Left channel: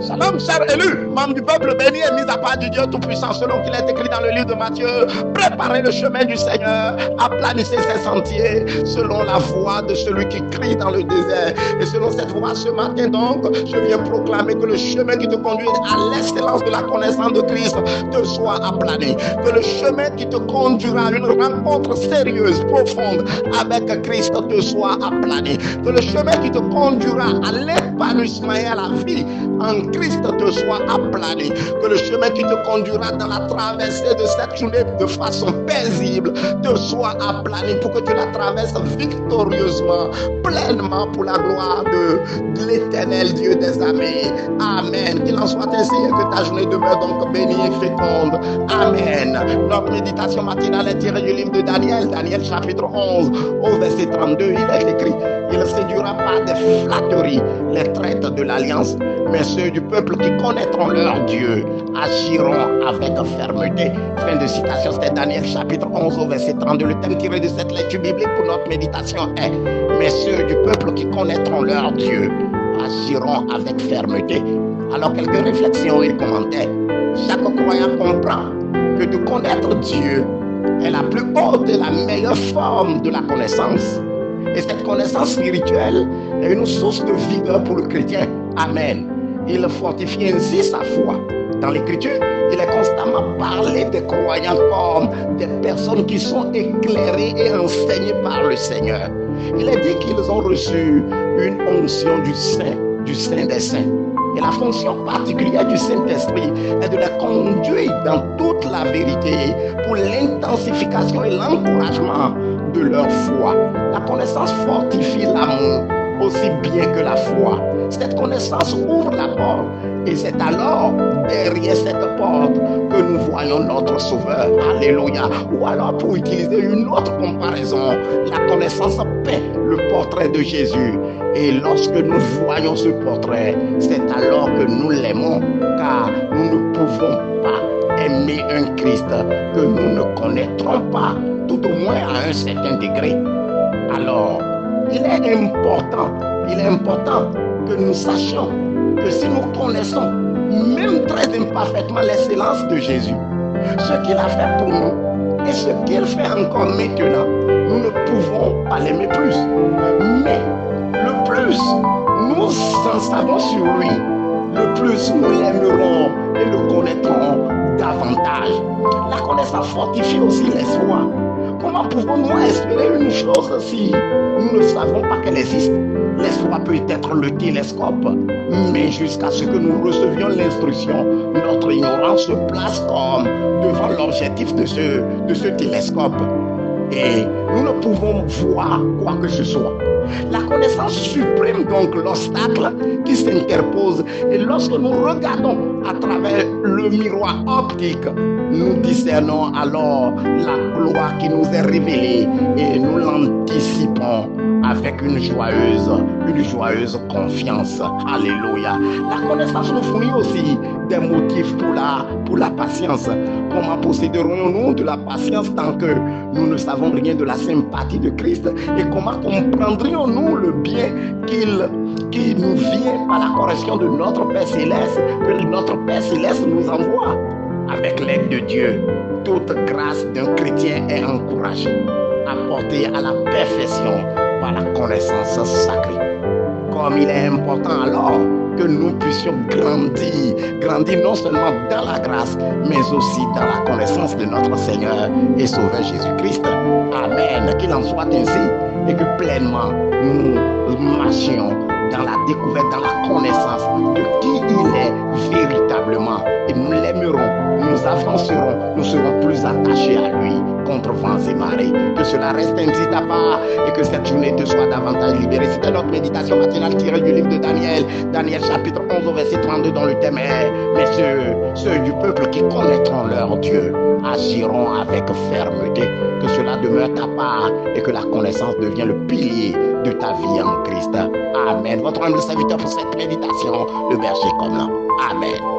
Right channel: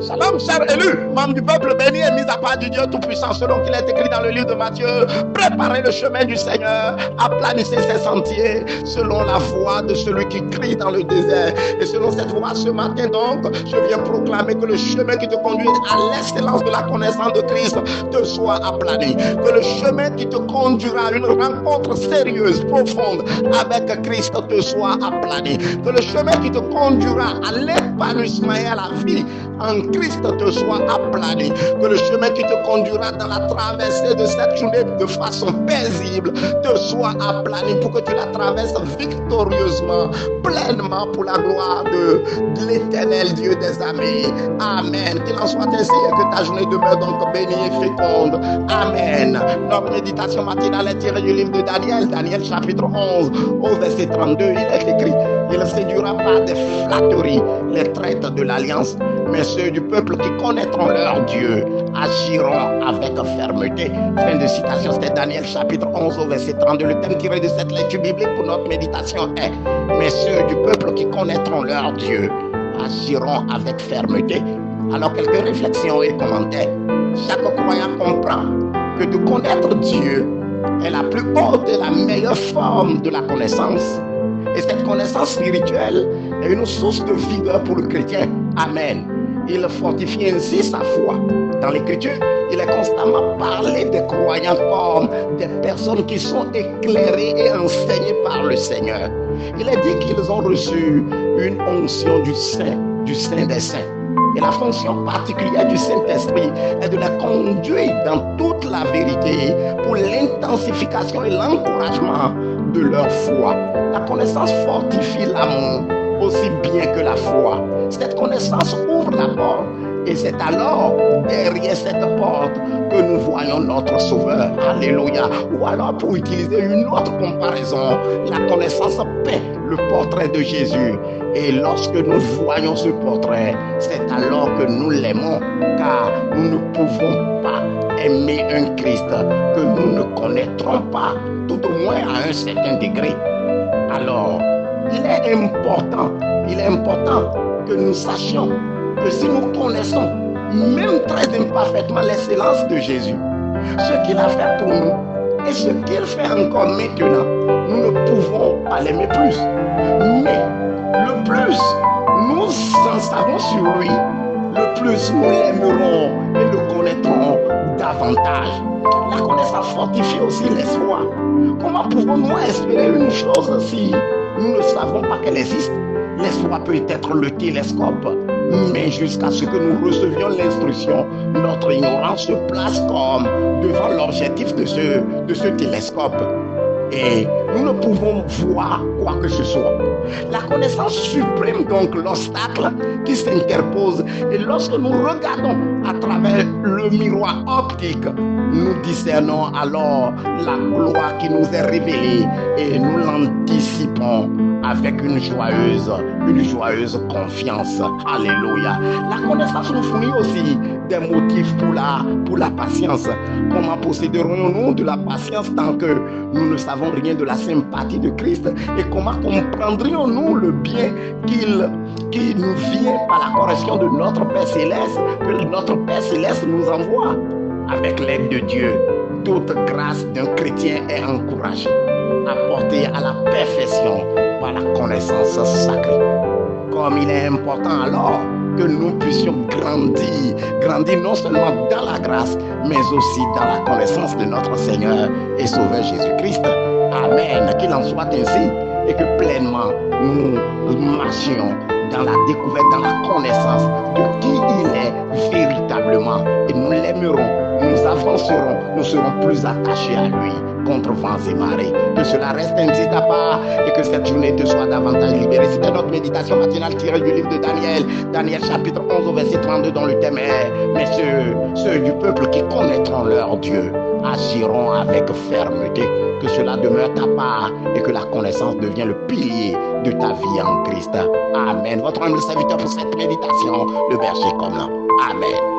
Shalom, cher élu, membre du peuple béni et mis à part du Dieu Tout-Puissant, selon qu'il est écrit dans le livre de Matthieu. Préparez le chemin du Seigneur, aplanissez ses sentiers, selon la voix de celui qui crie dans le désert. Et selon cette voix, ce matin donc, je viens proclamer que le chemin qui te conduit à l'excellence de la connaissance de Christ te soit aplani. Que le chemin qui te conduira à une rencontre sérieuse, profonde avec Christ te soit aplani. Que le chemin qui te conduira à l'épanouissement et à la vie en Christ te soit aplani. Que le chemin qui te conduira dans la traversée de cette journée de façon paisible te soit aplani pour que tu la traverses victorieusement, pleinement pour la gloire de l'éternel Dieu des armées. Amen. Qu'il en soit ainsi et que ta journée demeure donc bénie et féconde. Amen. Notre méditation matinale est tirée du livre de Daniel, Daniel chapitre 11 au verset 32. Il est écrit: il ne séduira pas des flatteries les traites de l'alliance, mais ceux du peuple qui connaîtront leur Dieu agiront avec fermeté. Fin de citation, c'était Daniel chapitre 11 au verset 32. Le thème tiré de cette lecture biblique pour notre méditation est: mais ceux du peuple qui connaîtront leur Dieu agiront avec fermeté. Alors, quelques réflexions et commentaires. Chaque croyant comprend que de connaître Dieu est la plus haute et la meilleure forme de la connaissance. Et cette connaissance spirituelle est une source de vigueur pour le chrétien. Amen. Il fortifie ainsi sa foi. Dans l'Écriture, il est constamment parlé des croyants comme des personnes qui sont éclairées et enseignées par le Seigneur. Il est dit qu'ils ont reçu une onction du Saint des Saints. Et la fonction particulière du Saint-Esprit est de les conduire dans toute la vérité pour l'intensification et l'encouragement de leur foi. La connaissance fortifie l'amour aussi bien que la foi. Cette connaissance ouvre la porte et c'est alors derrière cette porte que nous voyons notre Sauveur. Alléluia. Ou alors, pour utiliser une autre comparaison, la connaissance peint le portrait de Jésus. Et lorsque nous voyons ce portrait, c'est alors que nous l'aimons, car nous ne pouvons pas aimer un Christ que nous ne connaîtrons pas, tout au moins à un certain degré. Alors, il est important que nous sachions que si nous connaissons, même très imparfaitement, l'excellence de Jésus, ce qu'il a fait pour nous et ce qu'il fait encore maintenant, nous ne pouvons pas l'aimer plus. Mais le plus nous en savons sur lui, le plus nous l'aimerons et le connaîtrons davantage. La connaissance fortifie aussi l'espoir. Comment pouvons-nous espérer une chose si nous ne savons pas qu'elle existe? L'espoir peut être le télescope, mais jusqu'à ce que nous recevions l'instruction, notre ignorance se place comme devant l'objectif de ce télescope. Et nous ne pouvons voir quoi que ce soit. La connaissance supprime donc l'obstacle qui s'interpose. Et lorsque nous regardons à travers le miroir optique, nous discernons alors la gloire qui nous est révélée et nous l'anticipons avec une joyeuse confiance. Alléluia. La connaissance nous fournit aussi des motifs pour la patience. Comment posséderons-nous de la patience tant que nous ne savons rien de la sympathie de Christ? Et comment comprendrions-nous le bien qui nous vient par la correction de notre Père Céleste, que notre Père Céleste nous envoie? Avec l'aide de Dieu, toute grâce d'un chrétien est encouragée, apportée à la perfection par la connaissance sacrée. Comme il est important alors que nous puissions grandir non seulement dans la grâce, mais aussi dans la connaissance de notre Seigneur et Sauveur Jésus-Christ. Amen. Qu'il en soit ainsi et que pleinement nous marchions dans la découverte, dans la connaissance de qui il est véritablement. Et nous l'aimerons, nous avancerons, nous serons plus attachés à lui contre vents et marées. Que cela reste ainsi à part et que cette journée te soit davantage libérée. C'était notre méditation matinale tirée du livre de Daniel, Daniel chapitre 11 au verset 32 dans le thème est: mais ceux du peuple qui connaîtront leur Dieu agiront avec fermeté. Que cela demeure ta part et que la connaissance devienne le pilier de ta vie en Christ. Amen. Votre humble serviteur pour cette méditation, le berger commun. Amen.